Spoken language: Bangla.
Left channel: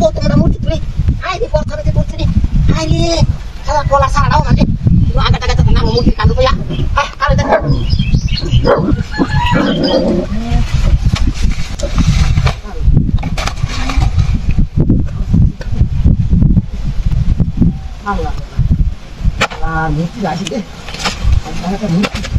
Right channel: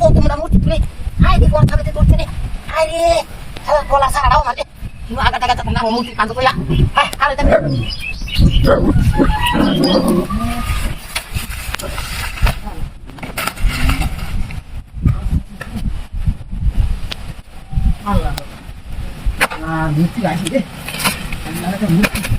কত মোটা মূর্তি তুলে আয় রে পর থাকতে করছে রে আয় রে সারা গলা সারাও মানে আগা টাকা তো না মূর্তি কাঁদো কইয়া হ্যাঁ কালে দেখ আল্লাহ আর মূর্তি আসি রে আল্লাহ তো মূর্তি